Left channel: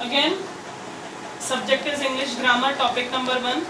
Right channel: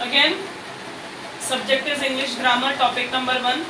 Again, subject is English grammar. Topic number 1,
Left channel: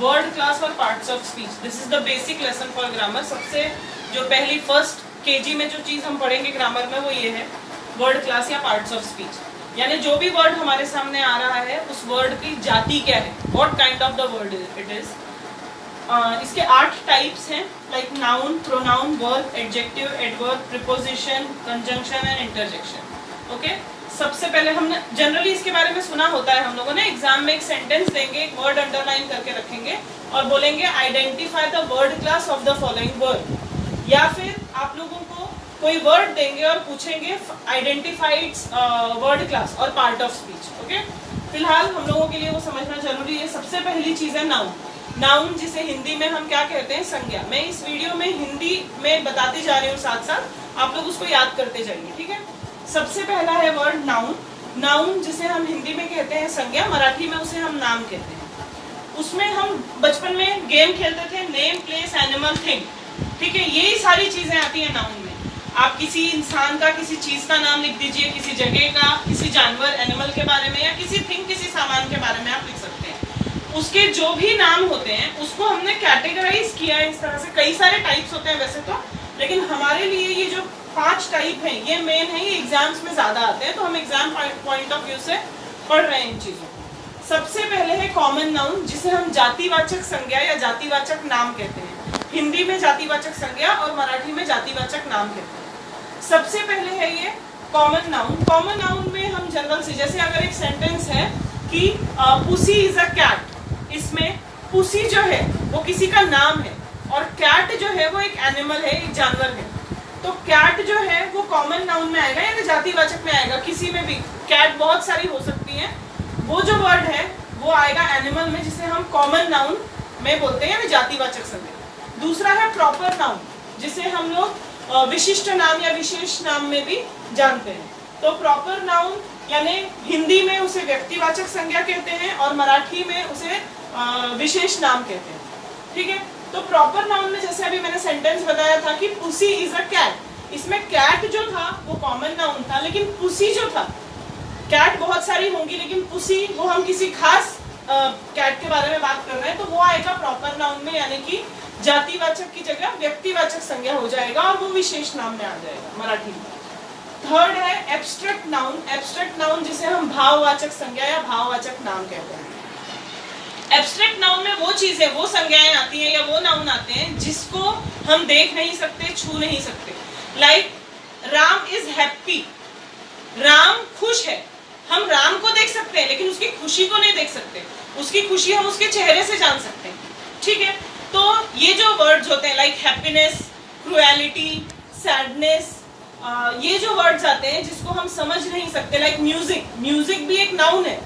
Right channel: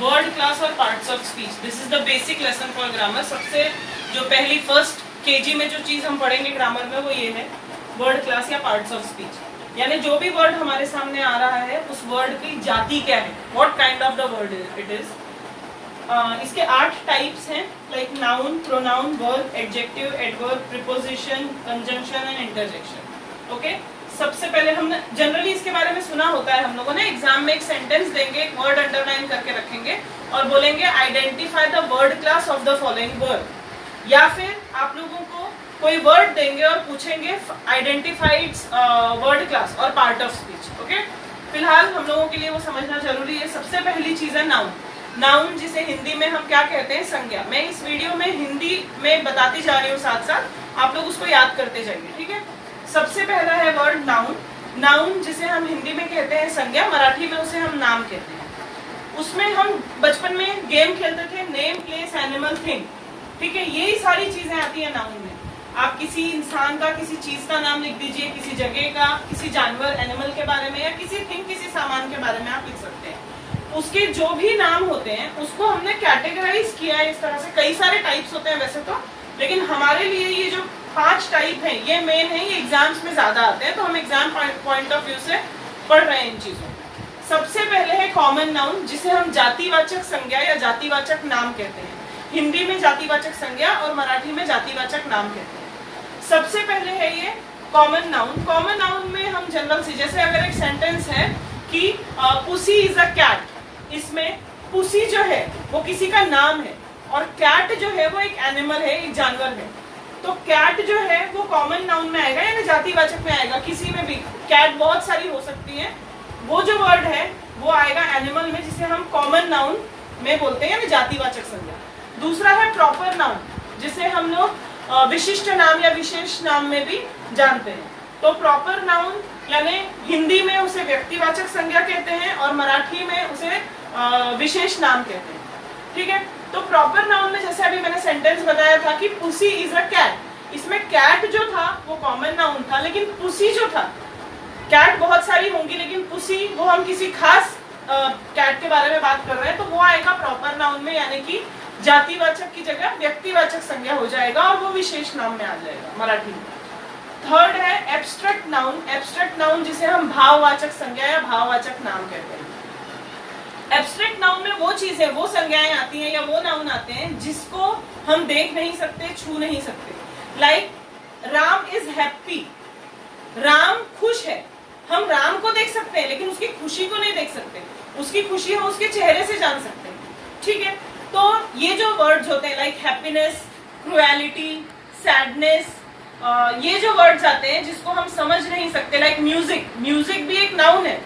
word class और parts of speech. This is the basic lesson for grammar. सबसे जो पहली first KG में जो चीज हम पढ़ेंगे ग्रामर में वो ये है वर्ड क्लास या पार्ट्स ऑफ स्पीच. यानी जो भी वर्ड हमारे सामने आ रहा है उस वर्ड की जाति क्या है, what kind of the word it is. इसके 8 टाइप्स हैं, like noun, pronoun, verb, adjective, adverb, preposition, conjunction and interjection. Okay, सबसे पहले हमने जनरली इसके बारे में सुना होता है, हम लोगों ने एग्जाम में एक सेंटेंस देंगे, एक वर्ड अंडरलाइन करके रखेंगे और बोलेंगे identify the word class of the following word. या फिर आप लोगों को कोई वर्ड देंगे और पूछेंगे आइडेंटिफाइड वर्ड क्लास और पार्ट ऑफ स्पीच. ओके, फिलहाल हम लोगों के लिए वो समझना जरूरी है. सबसे पहली चीज है नाउन. नाउन जिसे हिंदी में हम क्या कहते हैं, संज्ञा. मैं इस वीडियो में हिंदी में बताती जा रही हूँ, साथ साथ आप लोग उसको याद करते जाइए. ठीक है, सबसे पहला है वर्ड नाउन. नाउन जिसे हम हिंदी में कहते हैं संज्ञा, मराठी में उसे हम नाम कहते हैं. उसमें हम बचपन में गेम खेलते थे, नेम, प्लेस, एनिमल, थिंग. ठीक है, यही सारी चीजें आती है नाउन में. आप किसी इंसान का, किसी चीज का नाम लिख दीजिए, किसी जगह का, किसी जानवर, एनिमल के बारे में, या किसी थिंग, किसी सामान के बारे में आप लिख सकते हैं. उसके जो भी नाम होते हैं उसको हमने कैटेगराइज किया है इस तरह से. कई सारे टाइप्स होते हैं वैसे तो, लेकिन हमारे लिए ये जो 5 टाइप हैं ये मेन है, ये एग्जाम्स में ज्यादा आते हैं, तो हम एग्जाम पॉइंट ऑफ व्यू से पढ़ रहे हैं इन चीजों. सबसे पहले है कॉमन नाउन, जिसे हम जातिवाचक संज्ञा या जातिवाचक नाम कहते हैं. हिंदी में जातिवाचक संज्ञा और मराठी में जातिवाचक नाम कहते हैं. सबसे पहले है ये कॉमन नाउन. कॉमन नाउन में हम जनरल से, जैसे अगर एक सेंटेंस है कि पुसी इज अ कैट, इसमें पुसी जो है वो किसी का नाम है और कैट जो है वो एक एनिमल है, एक जानवर है. तो कैट जो है वो कॉमन नाउन में आएगा, यानी जातिवाचक में आएगा. किसी में भी कैट बहुत सारी हो सकती है, वो जो वर्ड है वो आएगा एनिमल में, जिसे हम कॉमन नाउन में बोलते हैं, यानी जातिवाचक संज्ञा. दूसरा है प्रॉपर नाउन, जिसे हम लोग विशिष्ट नाम या विशेष नाम में भी जानते हैं. तो प्रॉपर नाउन यानी हिंदी में उसे व्यक्तिवाचक संज्ञा कहते हैं और मराठी में उसे विशेष नाम कहते हैं. ठीक है, तो प्रॉपर नाउन में जैसे अभी मैंने सेंटेंस बताया था कि पुसी इज अ कैट, इसमें कैट जो था वो कॉमन नाउन था, लेकिन पुसी जो था, कैट बहुत सारी होंगी लेकिन पुसी वो हम किसी खास कैट के बारे में बात कर रहे हैं, तो वो आएगा प्रॉपर नाउन में, यानी कि जातिवाचक की जगह व्यक्तिवाचक संज्ञा हो जाएगा और वो विशेष नाम में आ जाएगा मराठी में. थर्ड है एब्स्ट्रैक्ट नाउन. एब्स्ट्रैक्ट नाउन जिसे हम भाववाचक संज्ञा या भाववाचक नाम कहते हैं. एब्स्ट्रैक्ट नाउन में वो चीजें, वो संज्ञाएं आती हैं या वो नाउन आते हैं जिसको हम देख नहीं सकते, छू नहीं सकते. Like Ram is happy, Ram खुश है. हम राम को देख सकते हैं लेकिन उसकी खुशी को नहीं देख सकते. उसकी खुशी हम उसके चेहरे से जान सकते हैं. ठीक है, तो ये जो वर्ड्स होते हैं लाइक हैप्पीनेस, क्रुएलिटी, सैडनेस, ये जो वर्ड्स आते हैं जिसको हम समझ नहीं सकते, लाइक म्यूजिक. म्यूजिक भी एक नाउन है.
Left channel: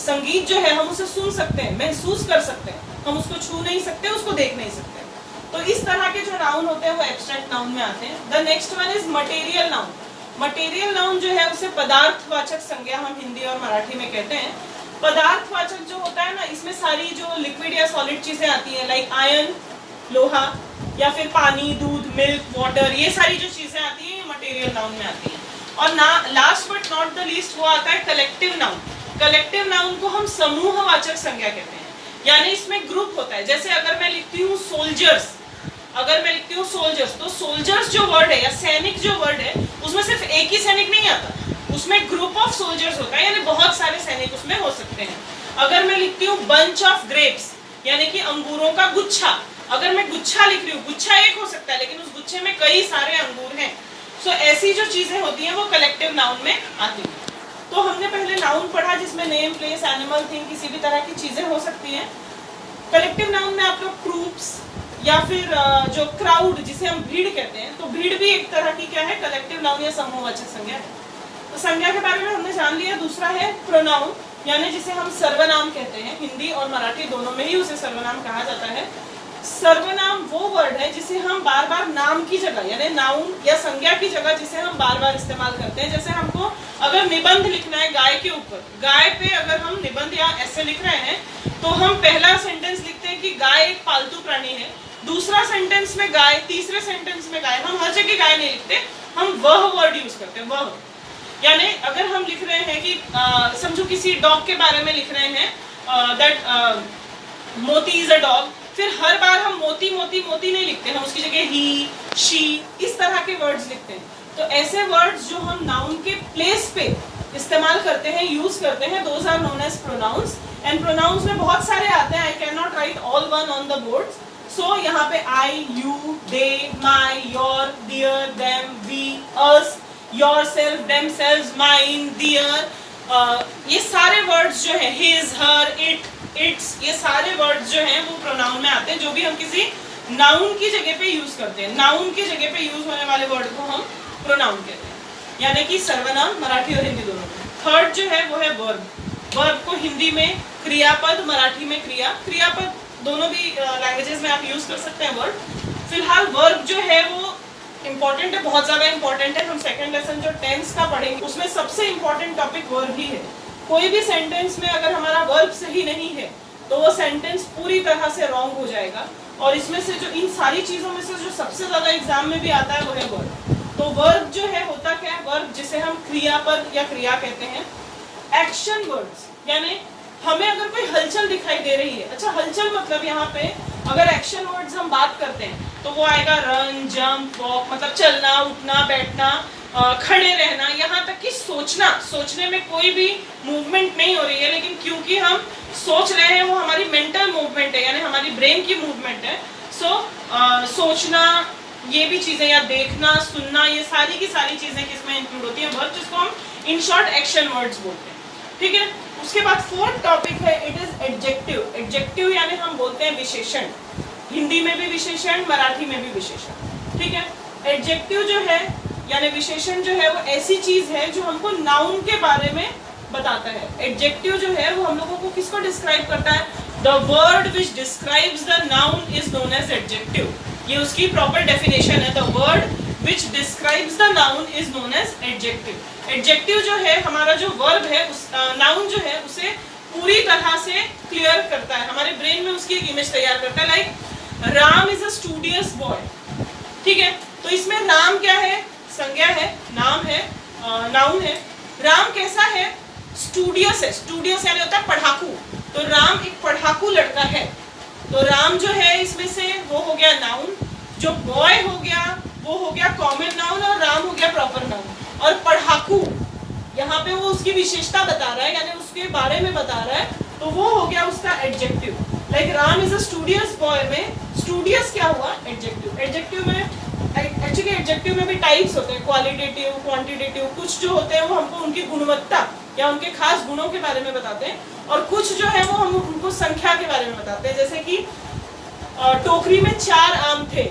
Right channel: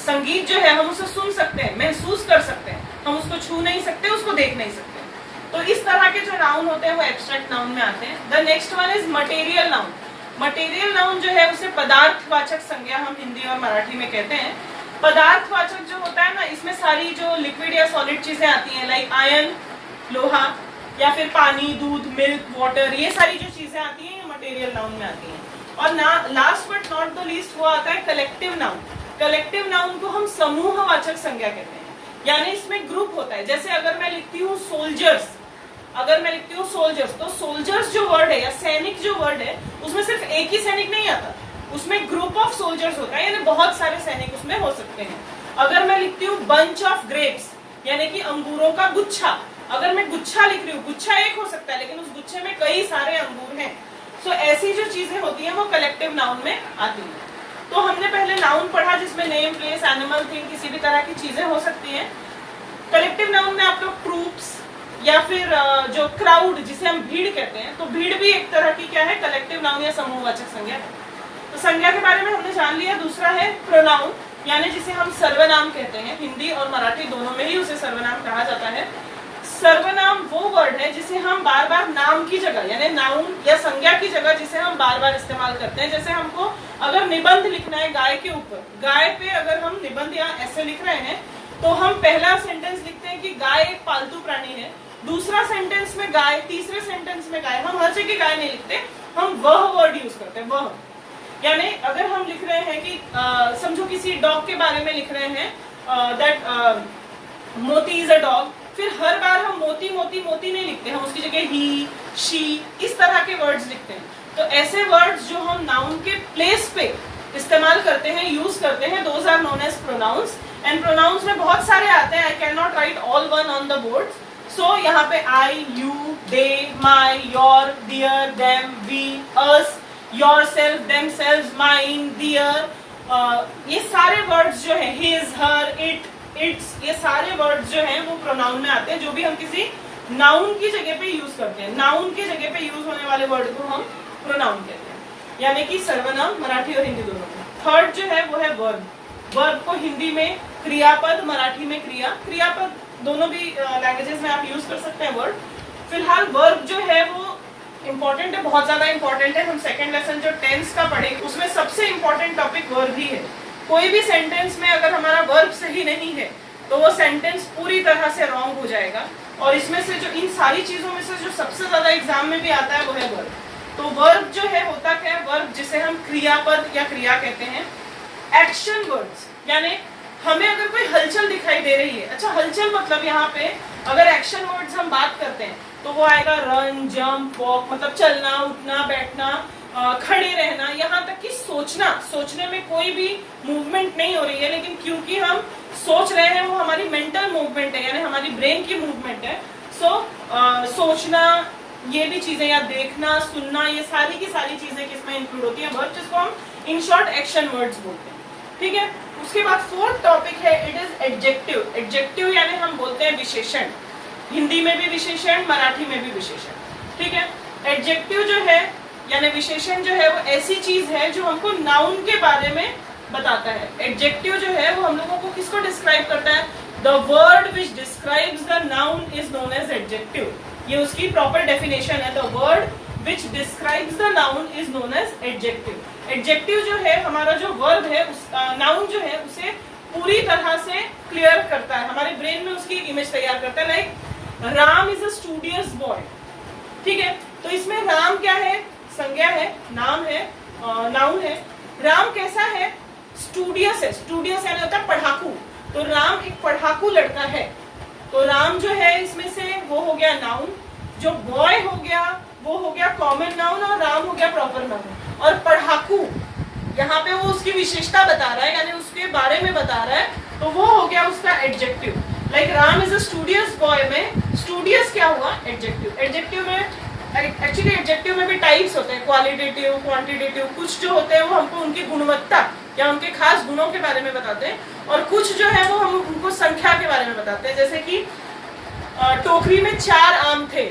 संगीत जो है हम उसे सुन सकते हैं, महसूस कर सकते हैं, हम उसको छू नहीं सकते, उसको देख नहीं सकते. तो इस तरह के जो नाउन होते हैं वो एब्स्ट्रैक्ट नाउन में आते हैं. The next one is material noun. Material noun जो है उसे पदार्थवाचक संज्ञा हम हिंदी और मराठी में कहते हैं. पदार्थवाचक जो होता है ना, इसमें सारी जो लिक्विड या सॉलिड चीजें आती हैं, लाइक आयरन, लोहा, या फिर पानी, दूध, मिल्क, वाटर, ये सारी जो चीजें आती हैं ये मटेरियल नाउन में आती हैं. और last but not the least वो आता है कलेक्टिव नाउन. कलेक्टिव नाउन को हम समूहवाचक संज्ञा कहते हैं, यानी इसमें ग्रुप होता है. जैसे अगर मैं लिखती हूँ सोल्जर्स, अगर मैं लिखती हूँ सोल्जर्स, तो सोल्जर्स जो वर्ड है या सैनिक जो वर्ड है उसमें सिर्फ एक ही सैनिक नहीं आता, उसमें ग्रुप ऑफ सोल्जर्स होता है, यानी बहुत सारे सैनिक उसमें हो सकते हैं. अगर मैं लिखती हूँ बंच ऑफ ग्रेप्स, यानी कि अंगूरों का गुच्छा, अगर मैं गुच्छा लिख रही हूँ, गुच्छा एक हो सकता है लेकिन उस गुच्छे में कई सारे अंगूर हैं. सो ऐसी जो चीजें होती हैं वो कलेक्टिव नाउन में आती हैं. तो हमने पहले नाउन पढ़ा जिसमें नेम, प्लेस, एनिमल, थिंग, किसी भी तरह की चीजें हो सकती हैं. कलेक्टिव नाउन में आप लोग ट्रूप्स या फिर जो क्राउड जिसे हम भीड़ कहते हैं, तो भीड़ भी एक तरह की क्या है, कलेक्टिव नाउन या समूहवाचक संज्ञा है. तो संज्ञा के बारे में हमने जान लिया. दूसरा है प्रोनाउन, यानी जिसे हम सर्वनाम कहते हैं. हिंदी और मराठी दोनों में ही उसे सर्वनाम कहा जाता है. सर्वनाम वो वर्ड है जिसे हम बार बार नाम की जगह, यानी नाउन या संज्ञा की जगह जिसे हम बार बार इस्तेमाल करते हैं. जैसे हमको अगर निबंध लिखना है गाय के ऊपर, गाय पे अगर हम निबंध या ऐसे लिख रहे हैं तो हम पहला सेंटेंस लिखते हैं कि गाय एक पालतू प्राणी है, दूसरा सेंटेंस में गाय, तीसरे सेंटेंस में गाय. हम हर जगह गाय नहीं लिखते, हम वह वर्ड यूज करते हैं, वह. यानी अगर हम लिख रहे हैं कि समझो किसी डॉग के बारे में लिख रहे हैं दैट मोती इज अ डॉग, फिर हर बार हम मोती मोती मोती नहीं लिखते, हम उसकी जगह ही, शी, इस तरह के वर्ड्स लिखते हैं। तो ऐसे वर्ड्स जो हम नाउन के प्लेस पे इस्तेमाल करते हैं, यूज करते हैं, those are known as pronouns. And pronouns में बहुत सारे आते हैं, I can not write all one on the board. So यहाँ पे I, you, they, my, your, dear, them, we, us, yourself, themselves, mine, dear, ये सारे वर्ड्स जो है, हिज, हर, इट, इट्स, ये सारे वर्ड्स जो हैं वो प्रोनाउन में आते हैं, जो भी हम किसी नाउन की जगह पे यूज करते हैं। नाउन की जगह पे यूज होने वाले वर्ड को हम प्रोनाउन कहते हैं, यानी कि सर्वनाम मराठी और हिंदी दोनों में। थर्ड जो है वो है वर्ब। वर्ब को हिंदी में क्रियापद, मराठी में क्रिया, क्रियापद दोनों भी लैंग्वेजेस में आप यूज कर सकते हैं वर्ड। फिलहाल वर्ब जो है वो इंपॉर्टेंट है, बहुत ज्यादा इंपॉर्टेंट है। हम सेकंड लेसन जो टेंस का पढ़ेंगे उसमें सबसे इंपॉर्टेंट टॉपिक वर्ब ही है। कोई भी सेंटेंस में अगर हमारा वर्ब सही नहीं है तो वो सेंटेंस पूरी तरह से रॉन्ग हो जाएगा। और इसमें से जो इन सारी चीजों में से जो सबसे ज्यादा एग्जाम में भी आता है वो है वर्ब। तो वर्ब जो है होता क्या है, वर्ब जिसे हम क्रियापद या क्रिया कहते हैं, एक्शन वर्ड्स, यानी हमें अगर कोई हलचल दिखाई दे रही है, अच्छा हलचल मतलब यहाँ पे अगर एक्शन वर्ड्स हम बात करते हैं तो वो आएगा रन, जंप, वॉक, मतलब चलना, उठना, बैठना, खड़े रहना, यहाँ तक कि सोचना। सोचने में कोई भी मूवमेंट नहीं हो रही है, लेकिन क्योंकि हम सोच रहे हैं वो हमारी मेंटल मूवमेंट है, यानी हमारी ब्रेन की मूवमेंट है। सोचना, ये भी चीजें, या देखना, सुनना, ये सारी की सारी चीजें किसमें इंक्लूड होती हैं, वर्ड, जिसको हम इन शॉर्ट एक्शन वर्ड्स बोलते हैं। ठीक है, उसके बाद फोर्थ टॉपिक है, इट इज एडजेक्टिव। एडजेक्टिव यानी हम बोलते हैं विशेषण, हिंदी में भी विशेषण, मराठी में भी विशेषण। ठीक है, एडजेक्टिव जो है यानी विशेषण जो है वो ऐसी चीज है जो हमको नाउन के बारे में बताता है। एडजेक्टिव जो है वो हम लोगों को किसको डिस्क्राइब करता है, the word which describes the noun is known as adjective. ये उसकी प्रॉपर डेफिनेशन है, the word which describes the noun is known as adjective. Adjective जो है हमारा जो वर्ब है, उस नाउन जो है उसे पूरी तरह से क्लियर करता है, हमारे ब्रेन में उसकी एक इमेज तैयार करता है। Like Ram is a studious boy. ठीक है, तो इसमें राम क्या है, संज्ञा है, नाम है, नाउन है। राम कैसा है, स्टूडियस है। स्टूडियस यानी होता है पढ़ाकू, तो राम एक पढ़ाकू लड़का है। तो राम जो है इसमें से वो हो गया नाउन, जो बॉय हो गया वो हो गया कॉमन नाउन, और राम हो गया प्रॉपर नाउन। और पढ़ाकू यहाँ पे वो उसकी विशेषता बता रहा है, यानी उसके बारे में बता रहा है, तो वो हो गया उसका adjective. Like Ram is a studious boy में स्टूडियस क्या हुआ, एडजेक्टिव। एडजेक्टिव में एक्चुअली एडजेक्टिव में भी टाइप्स होते हैं, क्वालिटेटिव, क्वांटिटेटिव। कुछ जो होते हैं वो हमको उनकी गुणवत्ता या उनके खास गुणों के बारे में बताते हैं, और कुछ जो है वो हम उनको संख्या के बारे में बताते हैं। जैसे कि टोकरी में 4 आम थे।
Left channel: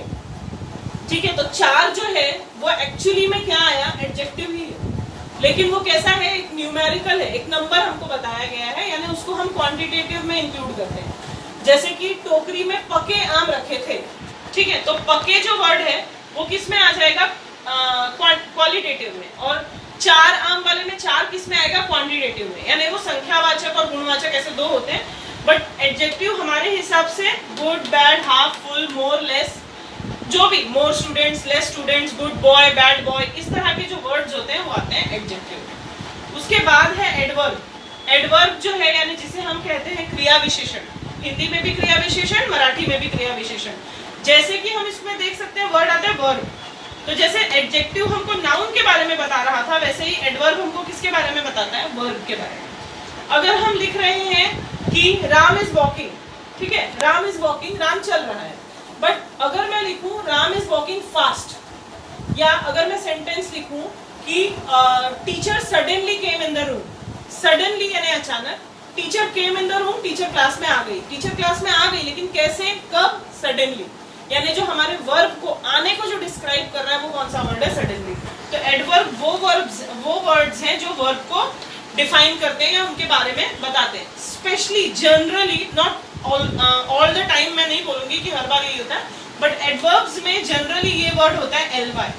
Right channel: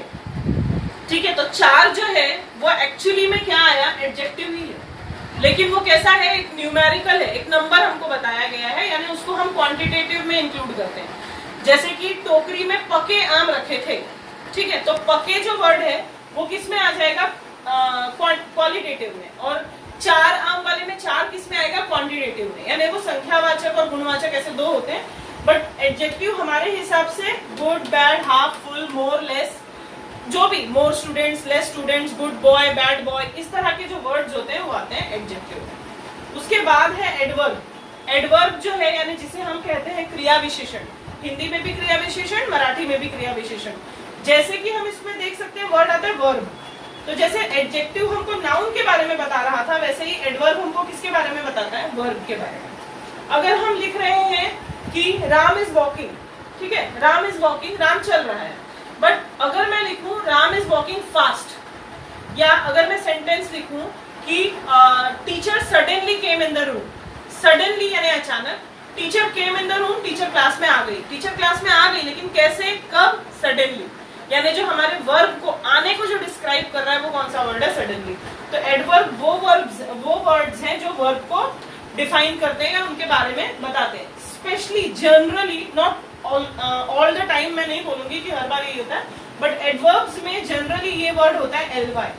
ठीक है, तो 4 जो है वो एक्चुअली में क्या आया, एडजेक्टिव ही है, लेकिन वो कैसा है, एक न्यूमेरिकल है, एक नंबर हमको बताया गया है, यानी उसको हम क्वांटिटेटिव में इंक्लूड करते हैं। जैसे कि टोकरी में पके आम रखे थे। ठीक है, तो पके जो वर्ड है वो किस में आ जाएगा, क्वालिटेटिव में, और 4 आम वाले में 4 किस में आएगा, क्वांटिटेटिव में। यानी वो संख्यावाचक और गुणवाचक ऐसे 2 होते हैं, बट एडजेक्टिव हमारे हिसाब से गुड, बैड, हाफ फुल, मोर, लेस, जो भी, more students, less students, good boy, bad boy, इस तरह के जो वर्ड्स होते हैं वो आते हैं एडजेक्टिव में। उसके बाद है एडवर्ब। एडवर्ब जो है यानी जिसे हम कहते हैं क्रिया विशेषण, हिंदी में भी क्रिया विशेषण, मराठी में भी क्रिया विशेषण। जैसे कि हम इसमें देख सकते हैं वर्ड आता है वर्ब, तो जैसे एडजेक्टिव हमको नाउन के बारे में बता रहा था, वैसे ही एडवर्ब हमको किसके बारे में बताता है, वर्ब के बारे में। अगर हम लिख रहे हैं कि राम इज वॉकिंग, ठीक है, राम इज वॉकिंग, राम चल रहा है, बट अगर मैं लिखूं राम इज वॉकिंग फास्ट, या अगर मैं सेंटेंस लिखूं कि teacher suddenly came in the room, suddenly यानी अचानक, teacher came in the room, teacher class में आ गई, टीचर क्लास में आ गई, लेकिन कैसे, कब, सडनली, यानी जो हमारे वर्ब को, आने को जो डिस्क्राइब कर रहा है वो कौन सा वर्ड है, सडनली। तो एडवर्ब वो वर्ड्स हैं जो वर्ब को डिफाइन करते हैं या उनके बारे में बताते हैं। Specially, generally, not all the time, मैं नहीं बोलूंगी कि हर बार यही होता है, बट एडवर्ब्स में जनरली ये वर्ड होता है एलवाई,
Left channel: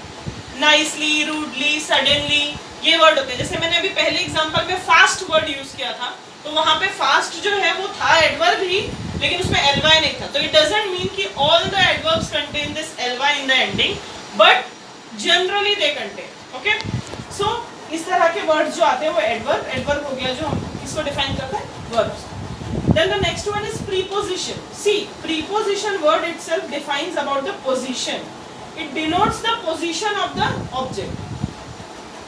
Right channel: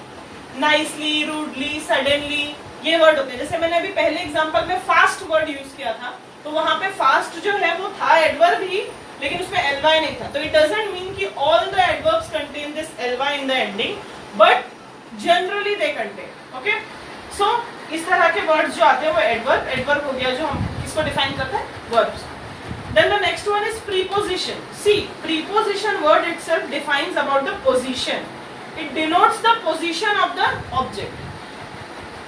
नाइसली, रूडली, सडनली, ये वर्ड होते हैं। जैसे मैंने अभी पहले एग्जांपल में फास्ट वर्ड यूज किया था, तो वहां पे फास्ट जो है वो था एडवर्ब ही, लेकिन उसमें एलवाई नहीं था। तो इट डजंट मीन कि all the adverbs contain this LY in the ending, but generally they contain. Okay, so इस तरह के वर्ड्स जो आते हैं वो एडवर्ब, एडवर्ब हो गया जो हम इसको डिफाइन करते हैं verbs. Then the next one is preposition. See, preposition word itself defines about the position. It denotes the position of the object.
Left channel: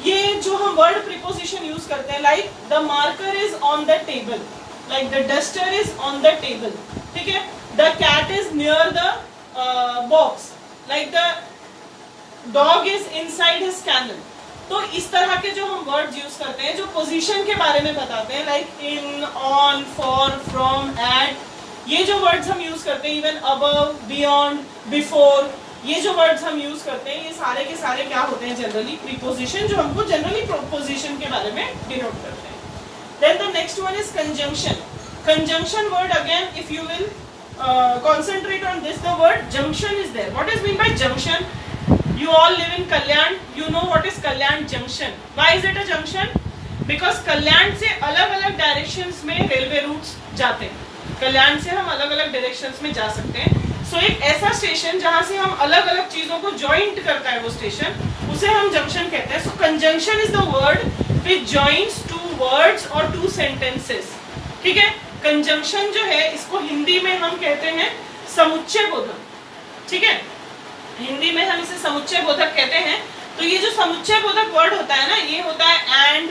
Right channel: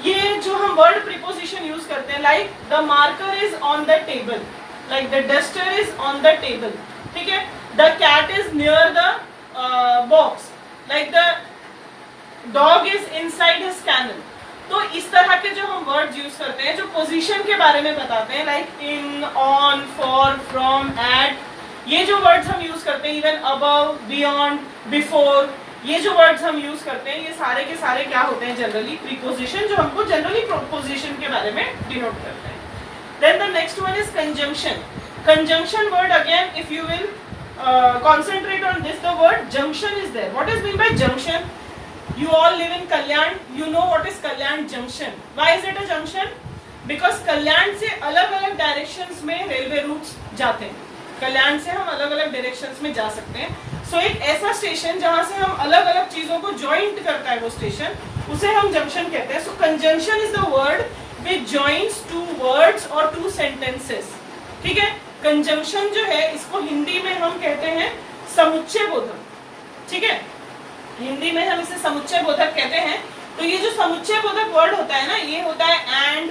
ये जो हम word preposition use करते हैं, like the marker is on the table, like the duster is on the table, ठीक है? The cat is near the box, like the dog is inside his kennel. तो इस तरह के जो हम वर्ड्स यूज करते हैं जो पोजीशन के बारे में बताते हैं, like in, on, for, from, at, ये जो वर्ड्स हम यूज करते हैं, इवन अबव, बियॉन्ड, बिफोर, ये जो वर्ड्स हम यूज करते हैं, ये सारे के सारे क्या होते हैं? जनरली प्रीपोजिशन, जो हमको जनरली प्रोपोजिशन के बारे में डिनोट करते हैं। Then the next one is conjunction. Conjunction word, again if you will concentrate on this, the word junction is there. What is mean by junction? You all live in Kalyan, you know what is Kalyan junction. Why is it a junction? Because Kalyan से अलग अलग directions में railway roots जाते हैं। कल्याण से हम अलग अलग डायरेक्शंस में जा सकते हैं। सो एक ऐसा स्टेशन जहाँ से हम अलग अलग चीजों को जॉइंट करता है वो स्टेशन, उसे हम जंक्शन कहते हैं। So conjunction is the word which joints two words और टू सेंटेंसेस, ठीक है? कंजंक्शन जो है इसको हिंदी में हम कहते हैं समुच्चय बोधक, ठीक है? हिंदी में हम इसे समुच्चय बोधक कहते हैं। तो ये जो समुच्चय बोधक वर्ड होता है ना, ये होता है एंड,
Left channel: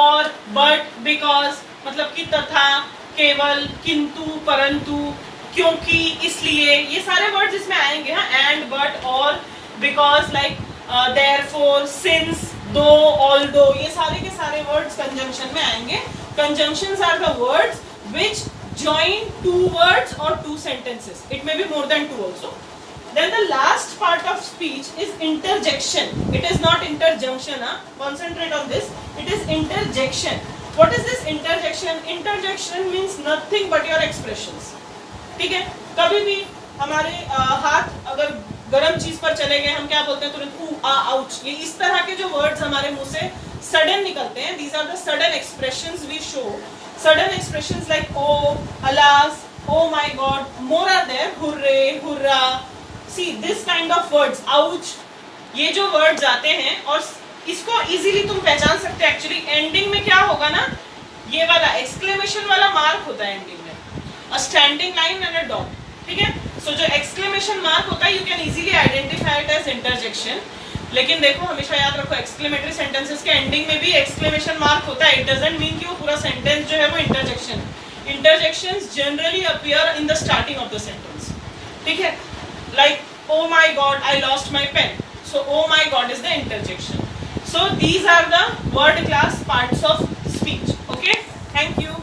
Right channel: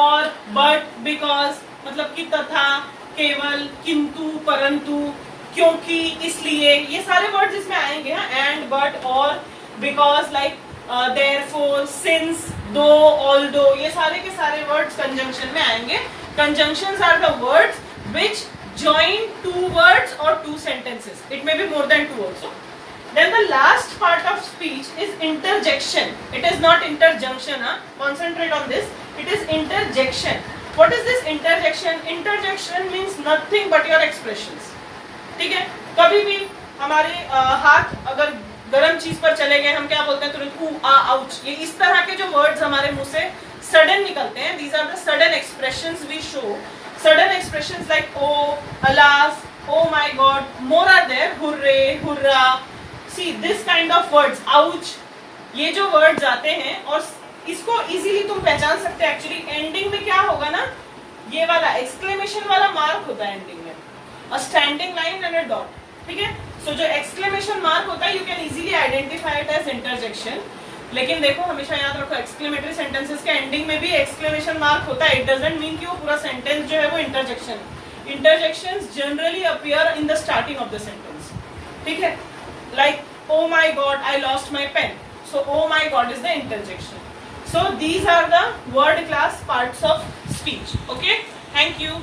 और, बट, बिकॉज, मतलब कि तथा, केवल, किंतु, परंतु, क्योंकि, इसलिए, ये सारे वर्ड्स इसमें आएंगे। हाँ, एंड, बट, और, because, like therefore, since, though, although, ये सारे के सारे वर्ड्स कंजंक्शन में आएंगे। Conjunctions are the words which join two words or two sentences. It may be more than two also. Then the last part of speech is interjection. It is not interjunction. Concentrate on this. It is interjection. What is this interjection? Interjection means nothing but your expressions. ठीक है? कभी भी हमारे हाथ अगर गर्म चीज पर चले गए, हम क्या बोलते हैं तुरंत हु, आ, आउच, ये इस तरह के जो वर्ड्स हमारे मुंह से सडन निकलते हैं, these are the sudden expressions we show. Sudden expressions like oh, alas, oh my god, more are there, hooray, hurrah. See this kind of words, ouch, ये जो words आते हैं और इसको easily तुम पहचान सकते हैं। Actually ending में क्या होगा ना, ये वाला exclamation वाला mark होता है ending में, a standing line and a dot, ठीक है? So जो exclamation mark होता है you can easily identify it as interjection. लेकिन देखो हमेशा याद रखो एक्सक्लेमेटरी सेंटेंसेस के एंडिंग में भी एक्सक्लेमेशन मार्क होता है। इट डजंट मीन कि वो पूरा सेंटेंस जो है वो इंटरजेक्शन है। Interjections generally appear in the starting of the sentence, ठीक है? Like oh my god, I lost my pen, so oh my god is the interjection. So these are the word class parts of speech. Okay, thank you.